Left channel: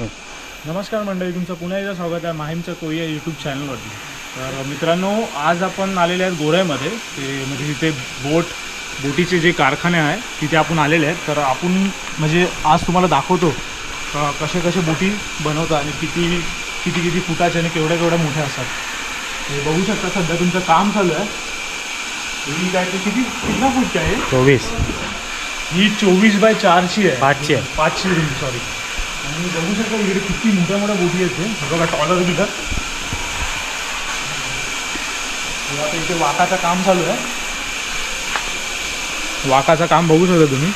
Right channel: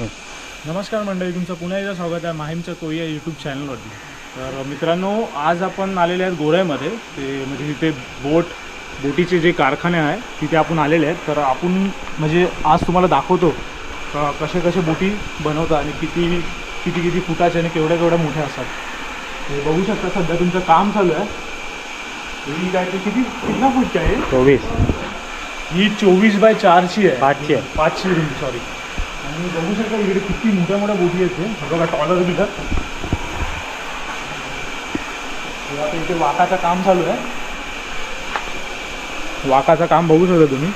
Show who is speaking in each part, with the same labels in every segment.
Speaker 1: नमस्कार. मंडळी तुमचं पुन्हा एकदा स्वागत आहे माहीमच्या कोई या यूट्यूब चॅनलवरती तर मित्रांनो आज आपण आलेले आहेत गोऱ्यामध्ये. ते म्हणजे तिथे बोट बोटीचे जे कारखाने आहे तिथे आपण आलेले आहेत. तर आपण म्हणजे आज तुम्हाला दाखवतो कसे कसे बोटी बनवतात आणि किती किती किती फुटाचे आणि केवढ्या केवढ्या मोठ्या असतात. हे बघू शकता सध्या तुमचं काम चालू आहे. ही काय ते किती कितना फूटची आहे?
Speaker 2: चोवीस.
Speaker 1: ही चोवीस बाय चारची आहे.
Speaker 2: पाचशे. आहे.
Speaker 1: पाचशे रुम सॉरी आणि बघू शकता इकडे किती मोठ्या मोठ्या बोटी आहेत ते. बघा टॉलर बिलर आता इथे वाकाचं काम चालू आहे. वाकाचं काम बघू शकता तुम्ही.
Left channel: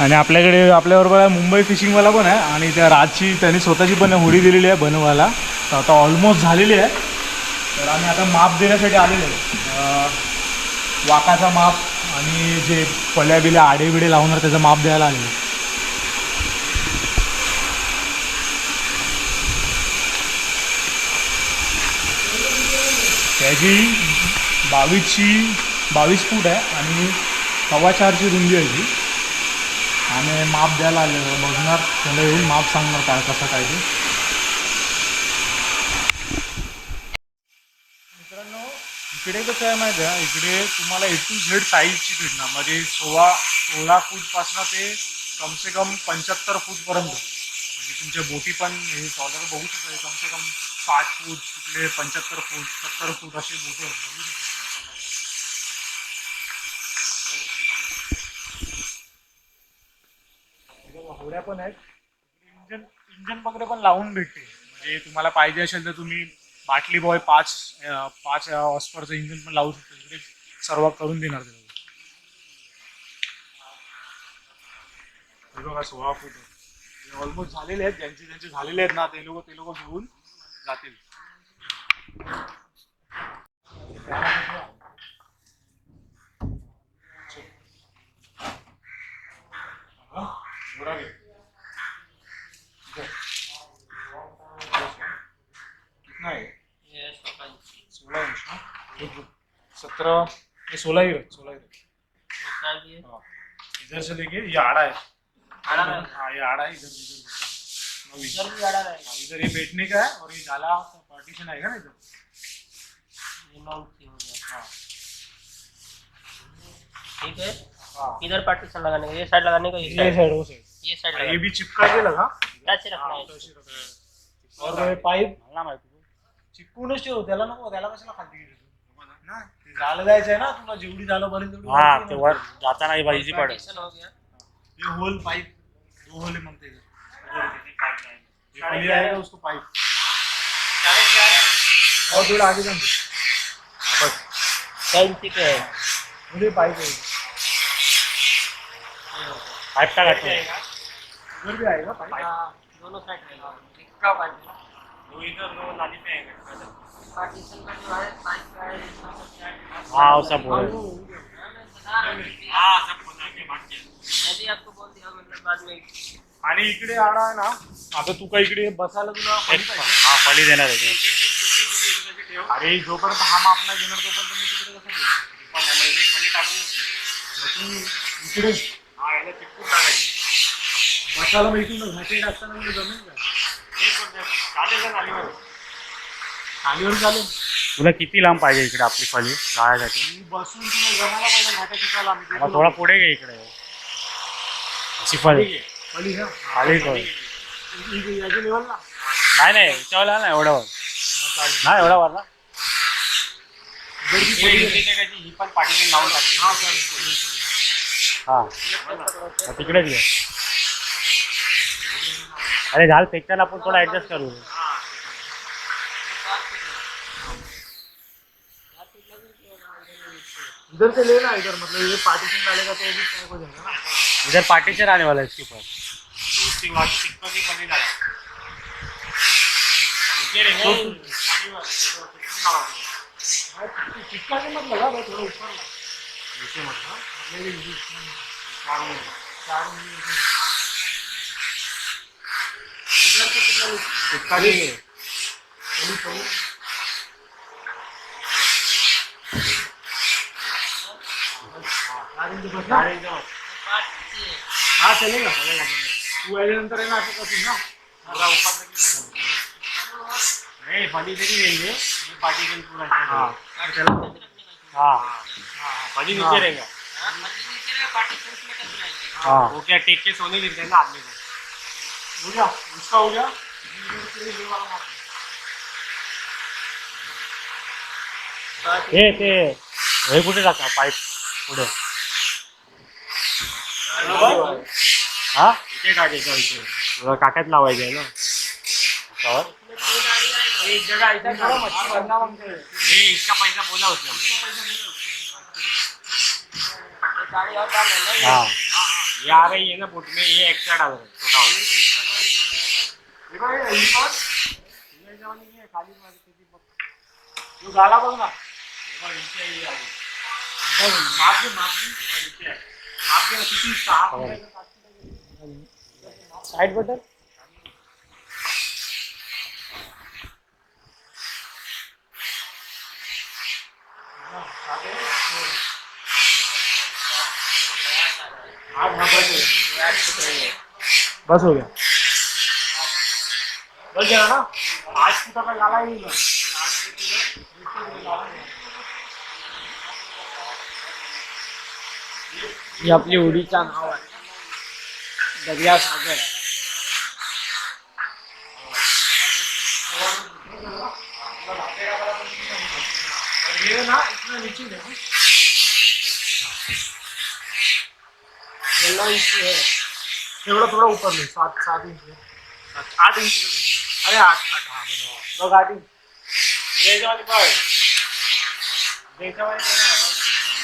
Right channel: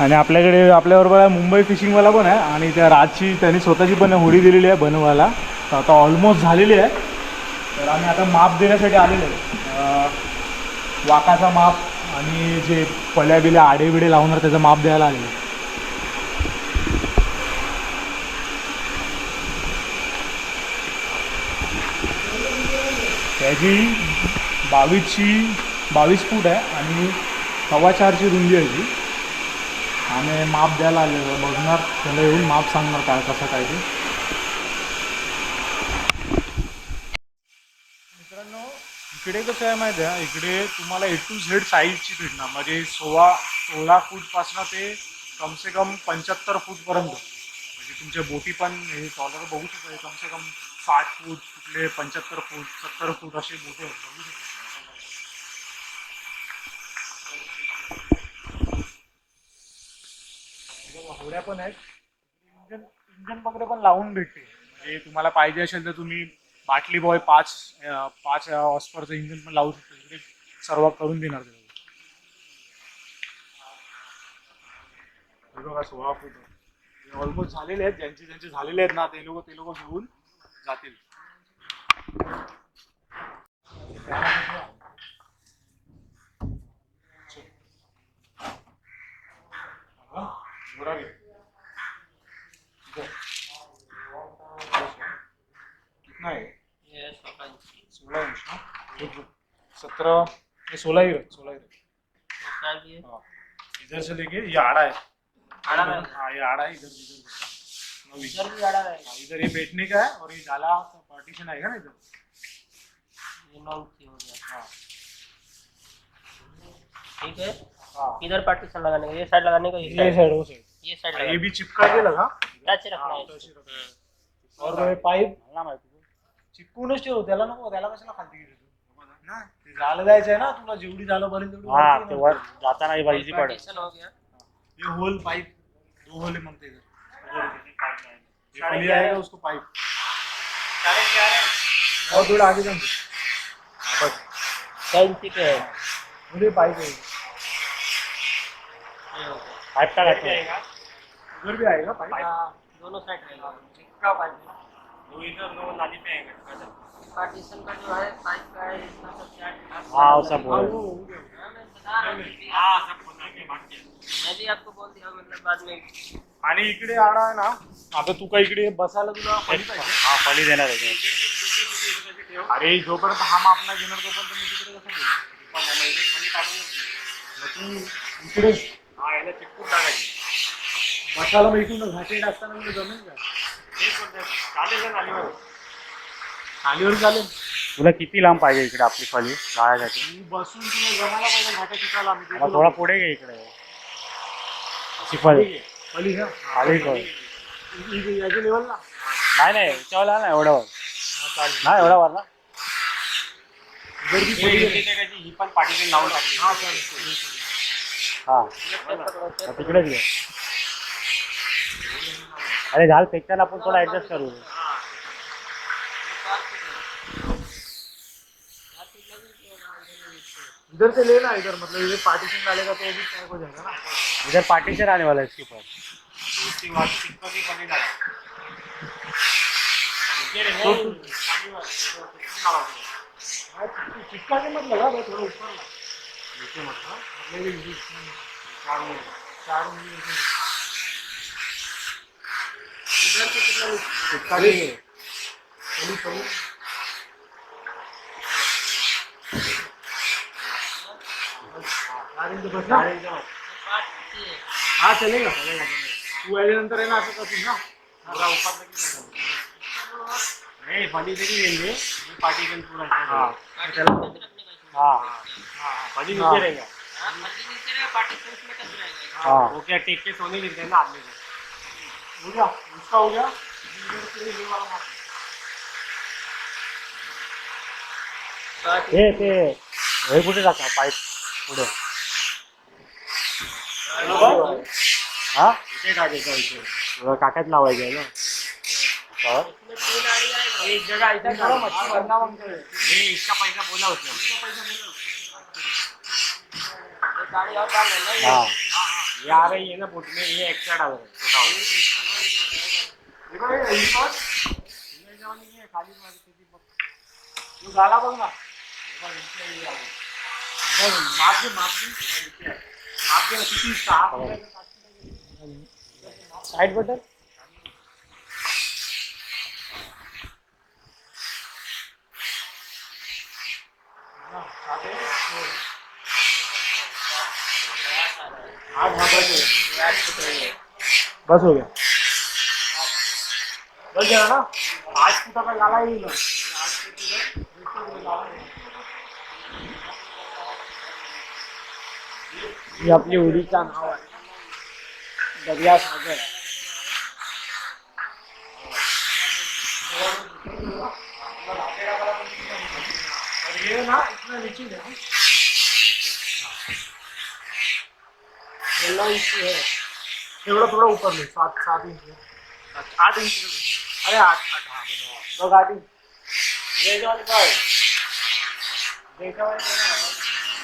Speaker 1: आणि आपल्याकडे आपल्याबरोबर आहे मुंबई फिशिंगवाला पण आहे. आणि त्या राजची त्यांनी स्वतःची पण होडी दिलेली आहे बनवायला. तर आता ऑलमोस्ट झालेली आहे. तर आम्ही आता माप देण्यासाठी आलेलो आहे. वाकाचा माप आणि जे पल्या बिल्या आडे बिडे लावणार त्याचं माप द्यायला आलेलं आहे. ह्याची बावीसची बावीस फूट आहे आणि सव्वा चारची रुंदी आहे ती आणि माप द्यायला आलेलं बघणार त्याला येऊन माप सांगणार काय कसं काय ते. मित्रांनो इकडे कसं आहे माहिती आहे? इकडे तुम्हाला ए टू झेड साईजची भेटणार. म्हणजे सोळा सोळा फूटपासनं ते कमसे कम पंच्याहत्तर फूटपर्यंत म्हणजे तुमच्या बोटी पण हे टॉलर बघू शकता. कमसे कम पाच फूट कुठले पंच्याहत्तर फूट सत्तर फूट असे मोठे बघू होड्या पण आहेत. इंजन इंजन वगैरे पण लावून भेटते. म्हणजे तुम्हाला पाहिजे असेल तर तुम्ही बाटली बॉय पाच पाच ऑस्परचं इंजन पण लावू शकतो. इकडे सर्व करून देणार ते बघा सोळा फूट. ऑलमोस्ट झालेले आहेत. ज्यांचे ज्यांचे झालेले आहेत ना ते लोक ते लोक घेऊन जातील. सोलह इंच ये सोलह ही सोलह ही हाँ. इधर से लेके ये आड़ा है.
Speaker 3: आड़ा है?
Speaker 1: हाँ ये आड़ा है इधर इधर नौ। हाँ, इधर ये बैठने का है और ये जाला पार्टीशन आएगा ना इधर। हाँ
Speaker 3: ठीक है।
Speaker 1: हाँ।
Speaker 3: इधर पार्टीशन लगाने का ये साइड लगाने का ये
Speaker 1: ये
Speaker 3: साइड
Speaker 1: वो साइड
Speaker 3: ये साइड
Speaker 1: ये भी चिपका के लगा।
Speaker 3: अच्छे रखना
Speaker 1: हाँ,
Speaker 3: है?
Speaker 1: तो रखना है। और पाईप चिपकूनच ठेव त्याला नको त्याला कशाला खाली ना ते झालं जायचं आहे ना तुला जेवढी झालं बरेल तेवढी
Speaker 2: हा ते
Speaker 1: ना.
Speaker 2: जाताना इझी पडेल
Speaker 3: हो
Speaker 1: ये होल पाइप दो होल है मग ते ये पहले आएगा उसको पाइप।
Speaker 3: साढ़े चार है।
Speaker 1: और थोड़ा आगे जान दो। हाँ, बस।
Speaker 3: क्या इंची के है?
Speaker 1: मुझे पाइप है
Speaker 2: पाईप टाकायचं
Speaker 1: उधर भी आएगा पाइप?
Speaker 3: हाँ, दोनों साइड रहेगा। का पार्टीशन
Speaker 2: दो इधर दो नाली पे आएगा।
Speaker 3: पार्टीशन का जो है पाइप का है इसका सब चार्ज
Speaker 2: हाँ सब
Speaker 1: हाँ,
Speaker 2: बोल
Speaker 1: वो हो गया।
Speaker 3: हाँ सब मैं भी आपको बोल दिया मतलब बाद में।
Speaker 1: आणि इकडे आडा आहे ना. आता तू का इकडे बसायला तुला पाणी पाहिजे?
Speaker 2: हा फळी देणार आहे.
Speaker 1: अरे जोपर्यंत हा माप नाही घेणार तोपर्यंत मी तिकडे कसं मग तू इकडे बसायला मग इकडून घाटे टाकताना म्हणजे जमेल का? खालीवर चालेल
Speaker 2: तुला किती लांब पाहिजे इकडे आपली फळी जायसाठी.
Speaker 1: मी बसून तुला जमायला पाहिजे घाट्या शिकायला आम्ही
Speaker 2: मला थोडा पुढे घे इकडे. अशी फळी
Speaker 1: याच्या लेवलला?
Speaker 2: नाही नाही याच्यावर ना एवढ्यावर. नाही एवढ्यावर ना
Speaker 1: इधर भी थोडी आहे.
Speaker 3: ही पण पार्टीशन लावून टाकली.
Speaker 1: हा चालेल
Speaker 2: हा. तिकडेच घे अरे झाल फेकताना आपण थोडा ऍडजस्ट करू.
Speaker 1: इधर से लेना इधर मतलब ये पार्टीशन डालेगा तो भी पैक हो जाएगा ना।
Speaker 2: इधर पार्टीशन आने वाला है इसके ऊपर
Speaker 1: तो तू- हाँ, चिपका- चिपका के मत लगा थोड़ा ऊपर नीचे मतलब। चार कितना? हाँ चलेगा चलेगा चलेगा तू आहे ना असं कसं ना
Speaker 2: पुरा की नाही करत. नाही तरी रहेंगे ये पार्टी के
Speaker 1: हा हा
Speaker 2: फली नीचे रहेगा
Speaker 3: हा
Speaker 2: टेक के सोने देते हैं ना आदमी को
Speaker 1: हो गया उसका हो गया
Speaker 2: हे ते हे कुठे टाका पाईप पुढे हा इथे टाकायचं इथे काकात लावायचं आहे ना.
Speaker 3: एक जगह ऐसा करो मच्छी बनना
Speaker 2: इसका पैसा बोला उसने
Speaker 3: ये गाड़ी और डाल लेना ये
Speaker 2: हाँ ये आ रही है ना बोट में ये एक्स्ट्रा डाल रहा है छोटा वाला
Speaker 1: तू झाला बघ ना.
Speaker 2: माप दे माप दे. माप दे किती सहा साइड बटन
Speaker 1: बस हो गया। बस गया ना? आठ फुटाचा गाला येईल ना.
Speaker 3: ही आपली उडीचा नाव आहे दर्या सागर
Speaker 1: और ये
Speaker 3: है
Speaker 1: थोड़ा थोड़ा ऊपर ले सात सात इंच. आठ इंच. अरे आठ आठ हाँ बघ आठ इंच
Speaker 2: जो वाली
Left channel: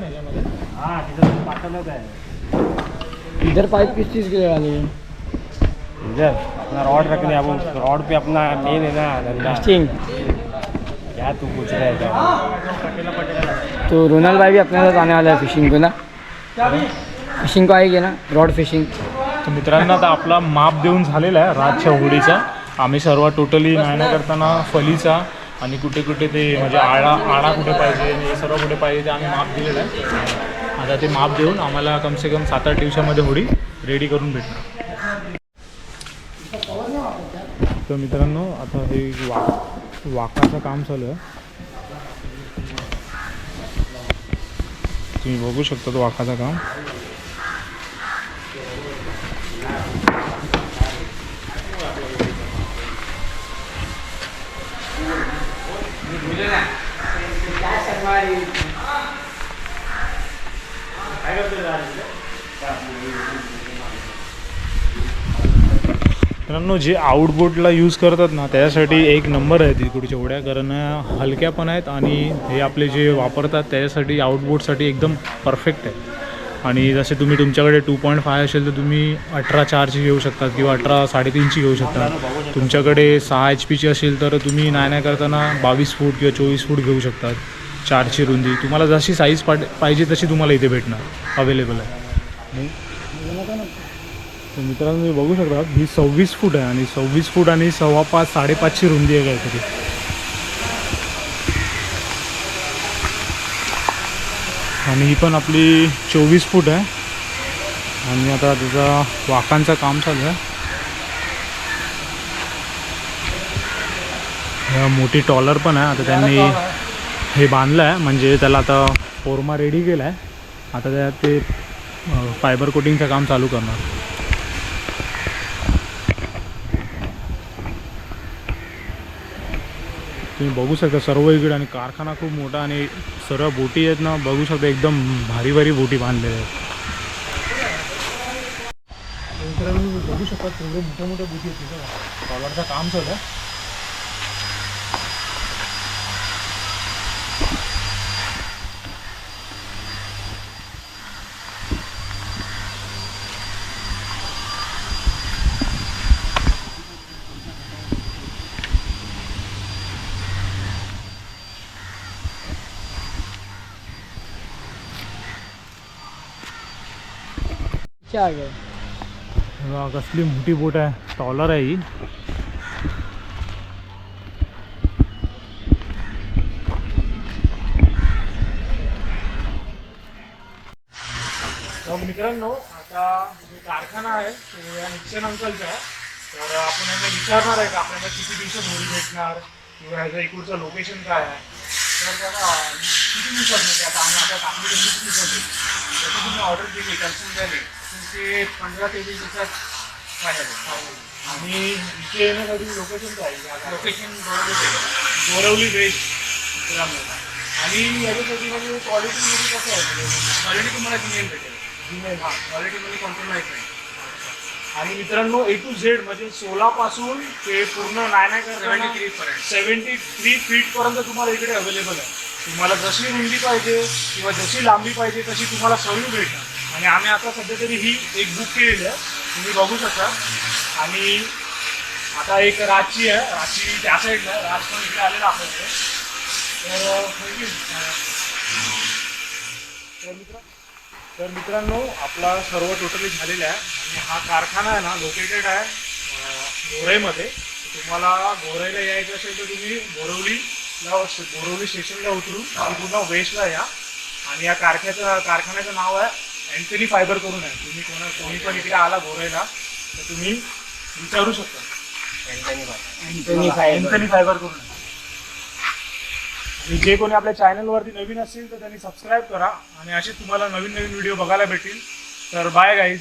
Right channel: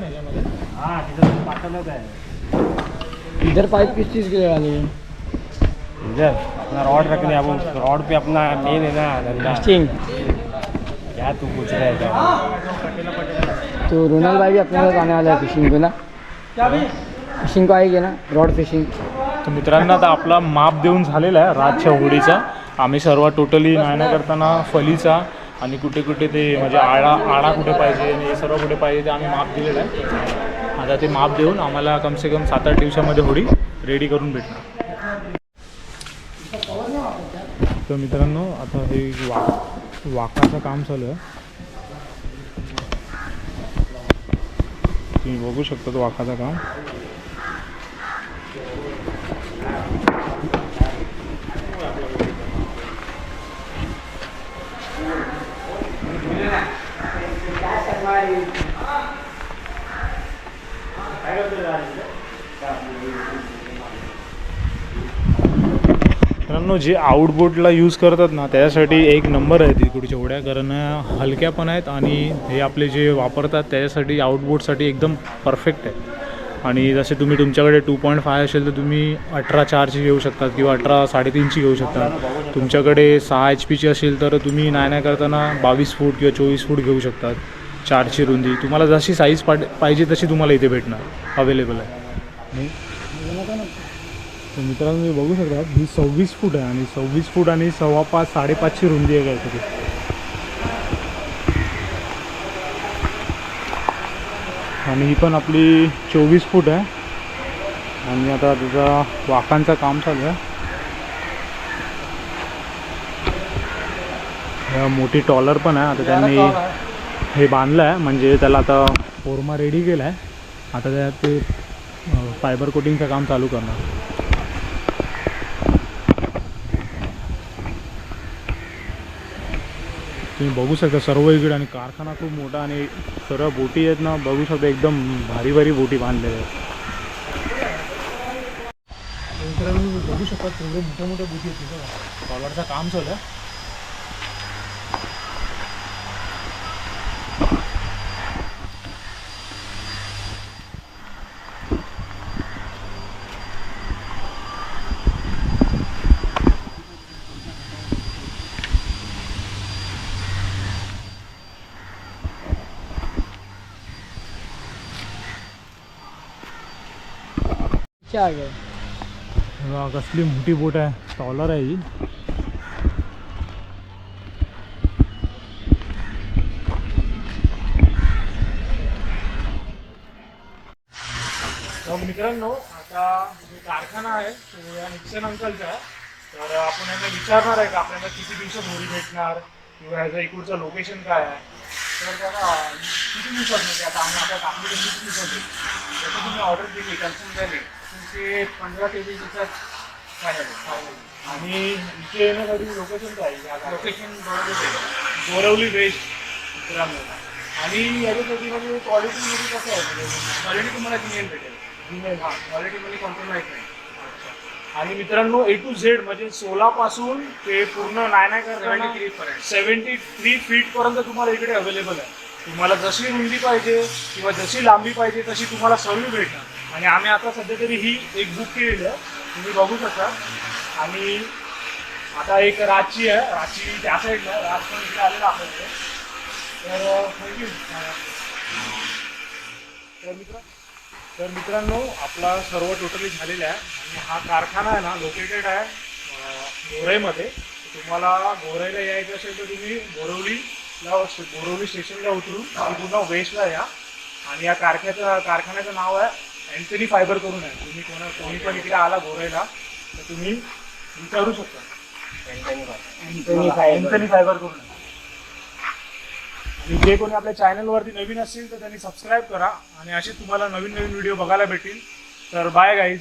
Speaker 1: याच्यामध्ये
Speaker 2: हा तिथं पाठवलं
Speaker 3: इधर पाइप किस चीज़ की लगानी है
Speaker 2: इधर अपना रॉड रखने अब रॉड पे अपना मेन है ना धंधा.
Speaker 3: स्टिंग
Speaker 2: क्या तू पूछ रहा है क्या?
Speaker 3: तो रोनल भाई भी अपने साथ आने वाला है फिशिंग को ना। फिशिंग को आएगी ना रॉड फिशिंग
Speaker 1: तर मित्रांनो आता आपला माप देऊन झालेला आहे रातच्या होडीचा. आम्ही सर्व टोटली नायना करताना फलीचा आणि कुठे कुठे ते म्हणजे आळा आळा कुठे पाहिजे आणि हे सर्व कुठे पाहिजे ते आम्ही माप दिलेलं आहे. आता ते माप देऊन आम्हाला कमसे कम सात आठ दिवसामध्ये होडी रेडी करून भेटणार. तर मित्रांनो आता हे वा वाकाचं काम चालू आहे. तुम्ही बघू शकता तो वाकाचं काम. मित्रांनो जे आउटबोटला यूज करतात ना त्याच्यासाठी एक नंबर आहे तिकडच्या होड्या कारण हलक्या पण आहेत आणि हे आपले जे वापरतात त्याच्यासाठी आउटबोटसाठी एकदम परफेक्ट आहे. आणि जसे तुम्ही तुमच्याकडे टू पॉईंट फाय असेल तर तुम्ही अठरा चारची घेऊ शकतात किंवा अठरा साडेतीनची घेऊ शकता तुमच्याकडे सहा एच पीची असेल तर तुम्ही नाही नाही करताना बावीस फूट किंवा चोवीस फूट घेऊ शकतात चारची रुंदी. तुम्हाला जशी साईज पाट पाहिजे तशी तुम्हाला इथे भेटणार अवेलेबल आहे. तर मित्रांनो तुम्ही बघू शकता ही सव्वीस फूट आहे आणि सव्वीस फूट आणि सव्वा पाच साडेपाचची रुंदी आहे काहीतरी आणि ही पण आपली चोवीस फूट आहे. आणि आता त्याचा वाकांचं काम चालू आहे. मोठी टॉलर पण आहे. आता त्यांनी हे बांधलं आहे. म्हणजे त्याला आता फोरमा रेडी केला आहे. आता त्यात ते फायबर कोटिंगचं काम चालू करणार. तुम्ही बघू शकता सर्व इकडे आणि कारखाना खूप मोठा आणि सर्व बोटी आहेत ना बघू शकता एकदम भारी भारी बोटी बांधलेल्या आहेत. बघू शकता बघतात तेवढे मोठ्या बोटी आहेत कॉलरचं काम चालू आहे. बघा, कसली मोठी बोट आहे टॉलर आहे ही तर मित्रांनो आता जो कारखाना आहे तो या निक्षण अंकलचा आहे. तर आपण यांना विचारणार आहे का आपल्याला किती दिवसात होळी भेटणार किंवा ह्याचं इकडचं लोकेशन काय आहे? तर बघा किती दिवसात म्हणजे आता आम्ही आता कापणी केली किती दिवसात? जसं तुम्ही ऑर्डर दिली कन्फर्म झाली. ते पंधरा ते वीस दिवसात आणि इथे येण्यासाठी लोकेशन काय? लोकेशन बोरवली वेस्ट मित्रांनो आणि याच्यासाठी म्हणजे क्वालिटीमध्ये कसं आहे? म्हणजे क्वालिटी तुम्हाला जीमेल भेटेल. जीमेल हां. क्वालिटीमध्ये कॉम्प्रोमाइज नाही. आणि मित्रांनो ए टू झेड म्हणजे सोलापासून ते पूर्ण नाही नाही सेव्हन्टी थ्री फीट पर्यंत तुम्हाला इकडे अवेलेबल आहे. तुम्हाला जशी रुंदी पाहिजे किंवा जशी लांबी पाहिजे तशी तुम्हाला सर्व भेटणार. आणि आम्ही आता सध्या तरी ही एक बुक केलेली आहे. तुम्ही बघू शकता. आणि आता एक राची आहे. राची त्या साईडला राज पण इकडे आलेला आपल्याकडे. तर थँक्यू तर मित्र तर मित्रांनो आपला सर्व टोटली झालेला आहे. आणि हा कारखाना आहे ना लोकेटेड आहे अं, गोराईमध्ये तुम्हाला गोराईला यायचं असेल तर तुम्ही बोरवलीला बोरवली स्टेशनला उतरून आणि पुन्हा वेस्टला या. आणि या कारखान्याचं कारखान्याचं नाव आहे अँथनी फायबर करून आहे तुम्ही कोणा कोणी पण इकडे आला गोराईला तर तुम्ही विचारू शकता. अँथनी फायबर करून आहे जे कोणी आपल्या चॅनलवरती नवीन असतील तर त्यांनी सबस्क्राईब करा. आणि असे तुम्हाला नवीन नवीन व्हिडिओ बघायला भेटतील. तर बाय गाईज